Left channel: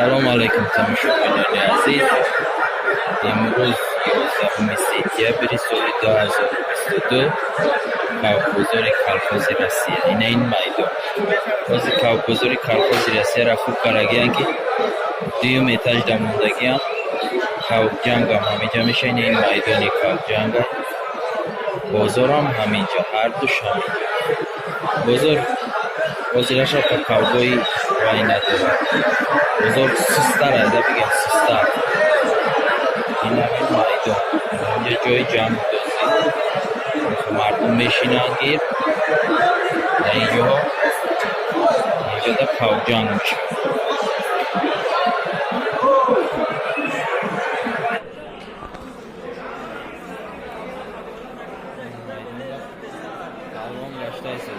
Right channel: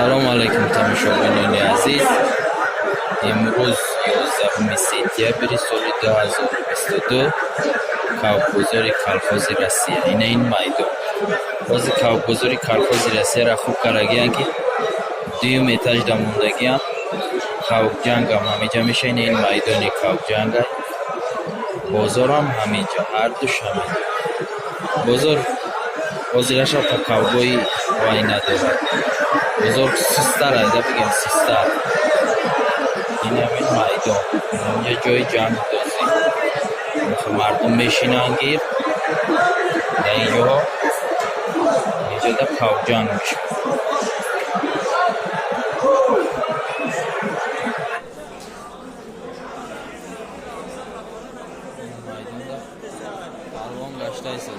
سلام علیکم تماشاگران عزیز. امروز 11 سپتامبر سال 2022 کابکبозори колхози Россия. این میدان بازی کابکبозори колхози Россия را خوب کارگیان که دوم اتاج داموندگیان کابک جنگ هم همینجا میشه. این میدان کابک جنگ بازار هم همینجا، هر دوش همینجا. بازار بازیرش ها کابکبوی وای نداره. بزرگ سستر هایده بگیم سستر. این همین میدان، اینجا جای جنگ بازی مردم میشینن گیر در اینجا در کابک جنگ میشه. میدان در پلوان گشته ایست.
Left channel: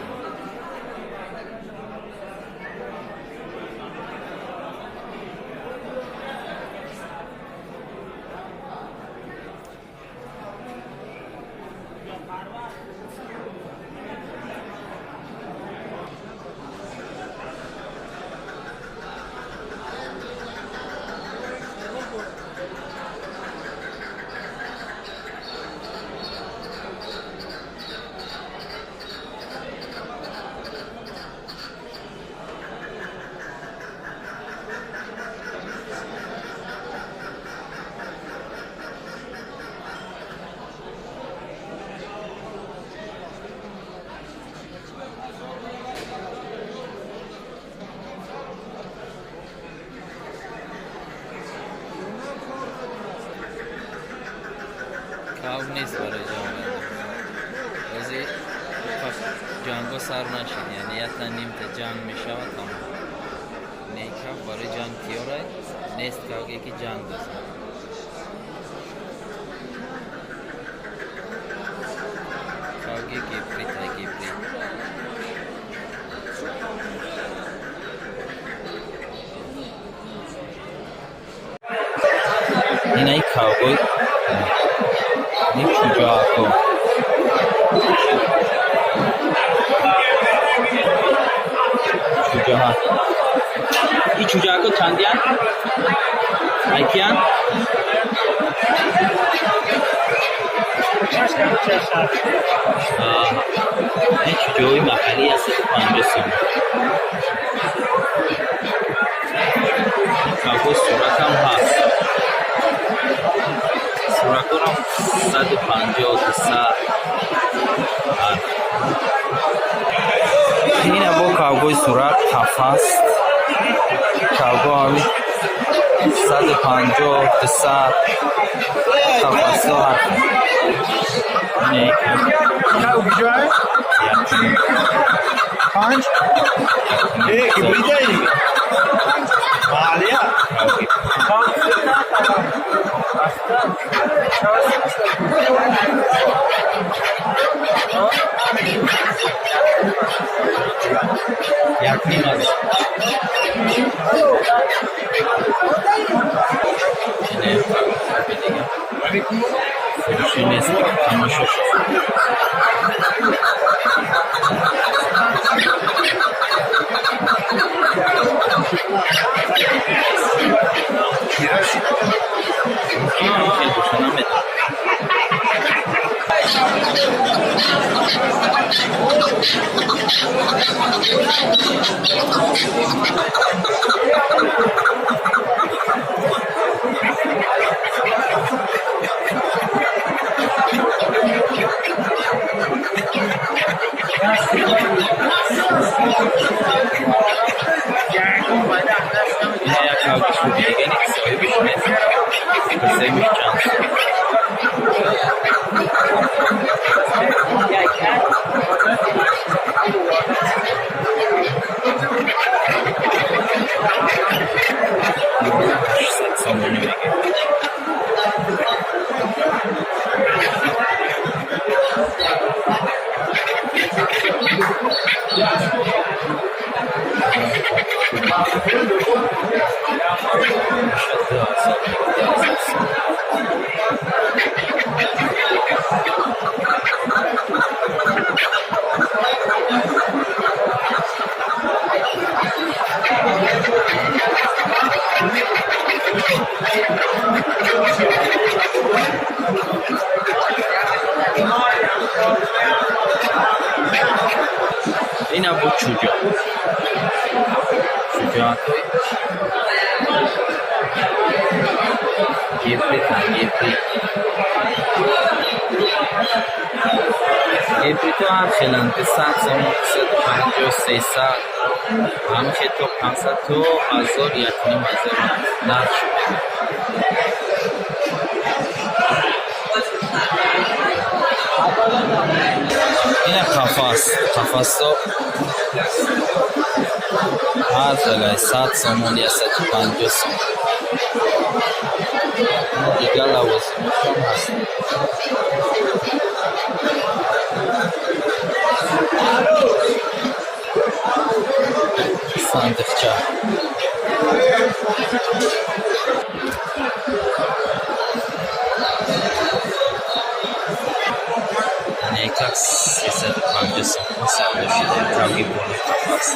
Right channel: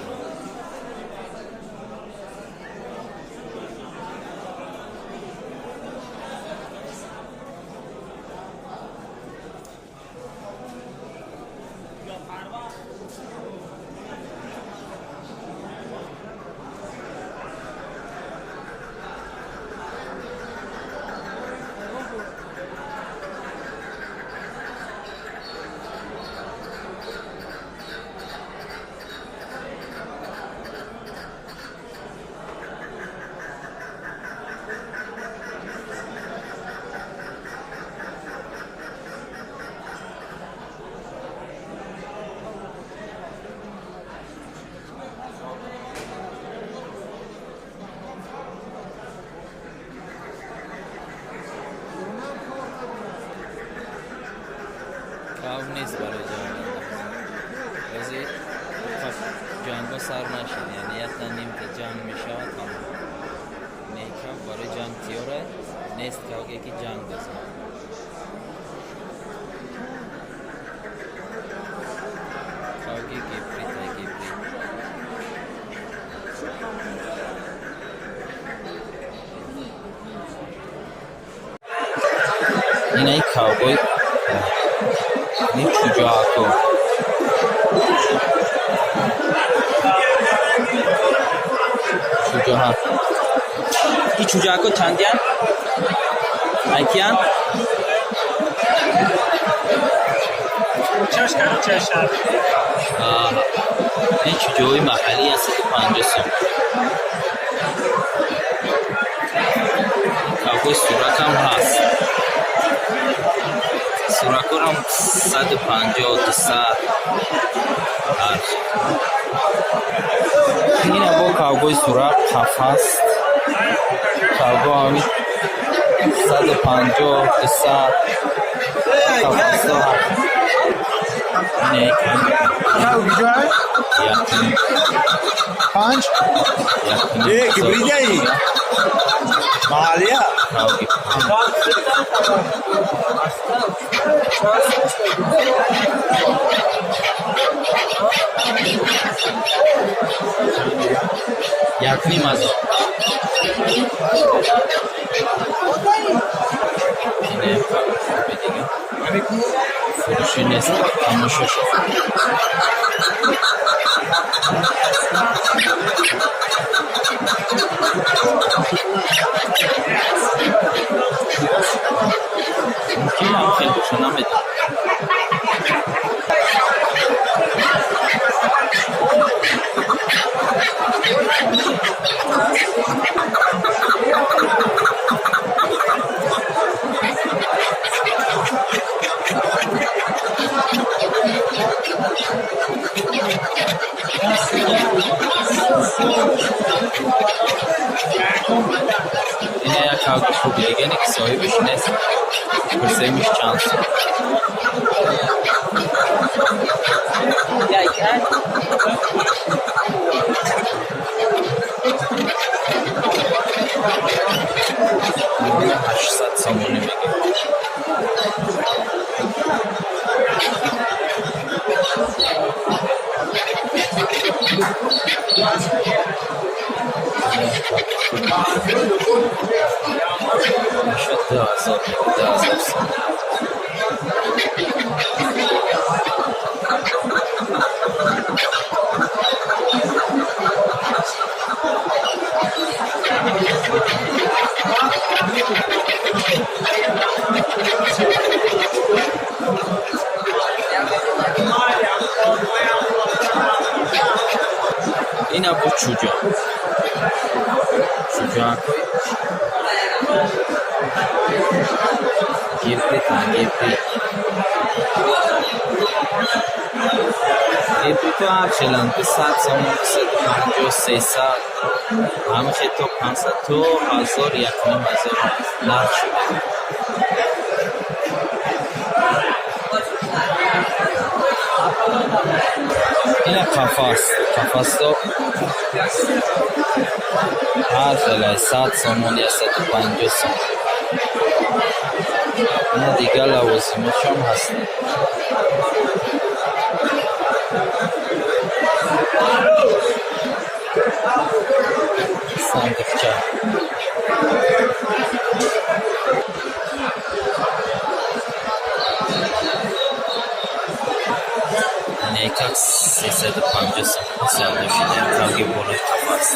کاو نیست برای جنگ بازی جنگ سر نشید، یعنی یه نیم تا جنگ میشه و تمام. نیکاو برای جنگ تیاره نیست که یکی جنگ دازه. کاوگی گیپری تا گیپری این ای کاوگوی این چوجاکو چوجاها این چوجاکو چندیان؟ ایکیان؟ این چوجاهای محلی هست 50 سوم. کاوگوی صورت هم هست. سوراکور هم 150 200 هست. این با کاوگوی سوراک هست. کاوگو همین 150 200 هست. این ایک پانچ ایک بریده ای مالیا یک نیم از اینه خوبی دیگه فروشی نیست دیگه تماشا شد. این هم خیلی دوشنبه این یک کاوگو خوبی دیگه نیست، صاحبش نیست، بسیمیش چانس این 800 سامانی میگه. بود شجاع گیبری تو هر چلند به 100 سامون 150 300 همه که تو 500 تو 1000 1,500 نرخ شده این قفص تو هر خلای 100 سامون یا 150 سامون این دیگه لوازمش هم هست صندوقچه نیکک 350 سامون سودا شده کاغی بالای قفص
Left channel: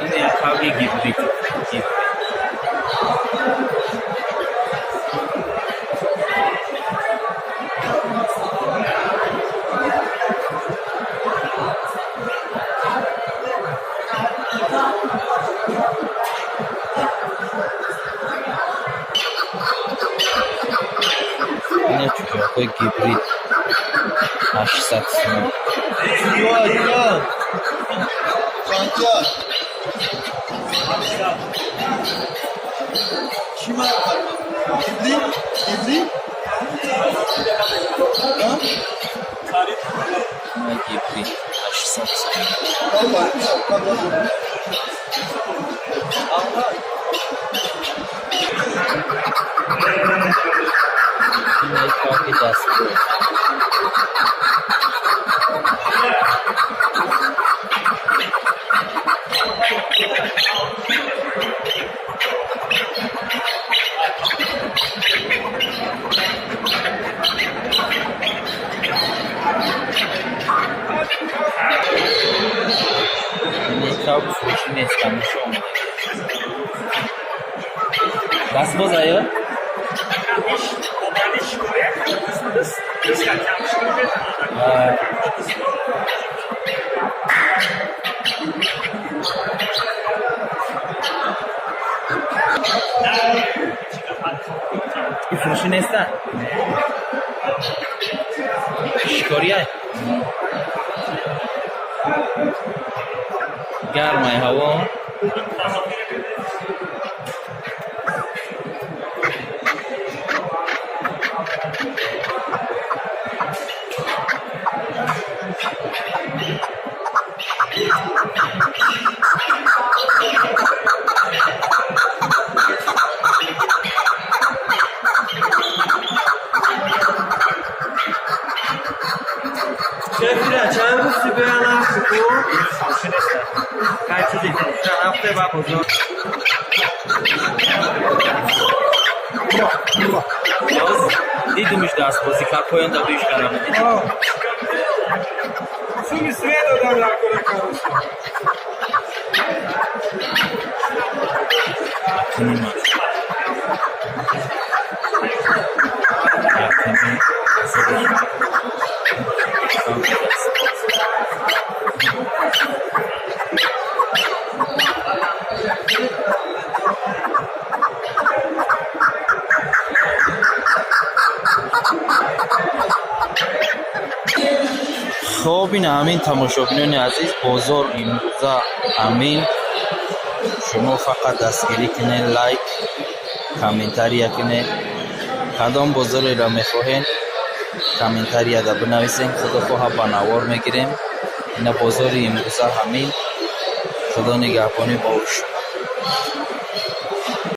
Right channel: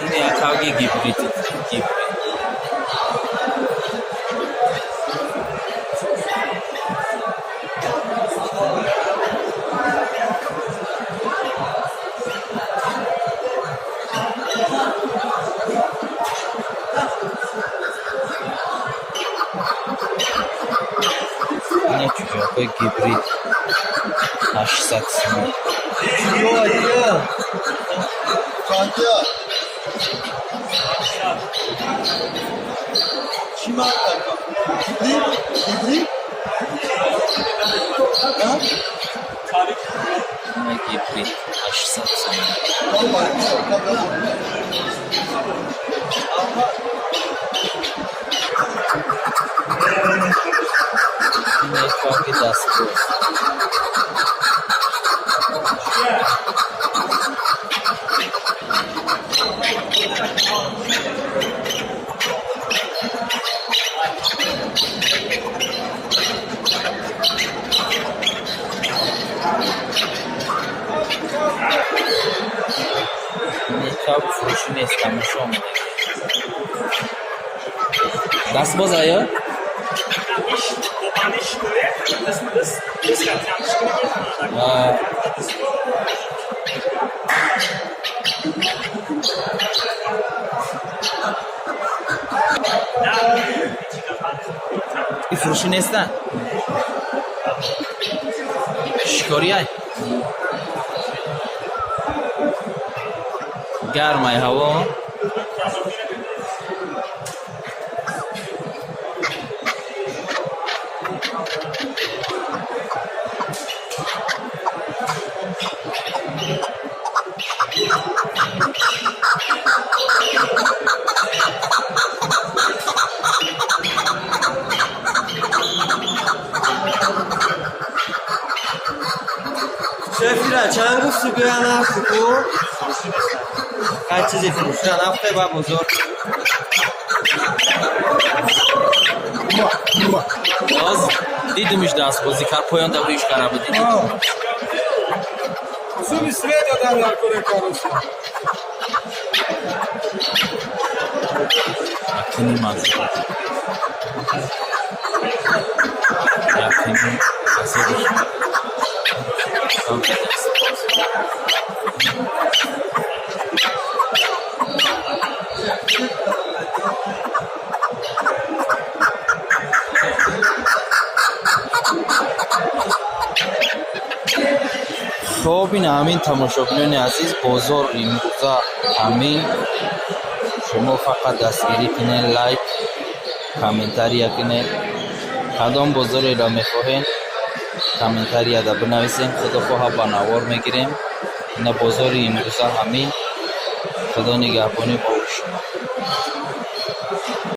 این کاغی گیبریت این چوچاقای گیبریت 800 سومون این گیبریت 800 سومون این کاغی دستگاه این کاغ فروشی نیست تماشا آمده دست باز آیا؟ این فروشی نیستن شکاری های گرمای هوا شفیره چند روز سیبه الان سکو هر چیزی فروشه هفته و بزرگ باز دیدیمش دست بازی کار پایان دوریش قرار دیدیم سومی سوی دادن نکنه کاروش کنی مازی کنی سازه خب این همین تماشاگران عزیز بازار این روزا همین شما فقط دستگیری کنین لایک کامنتاری کنین کدام بازاری را میخواهین کامنتاری دا بنویسین خدا خواه بنوار میگیریم این بازاری این روزا همین خدا نگهبانی با شما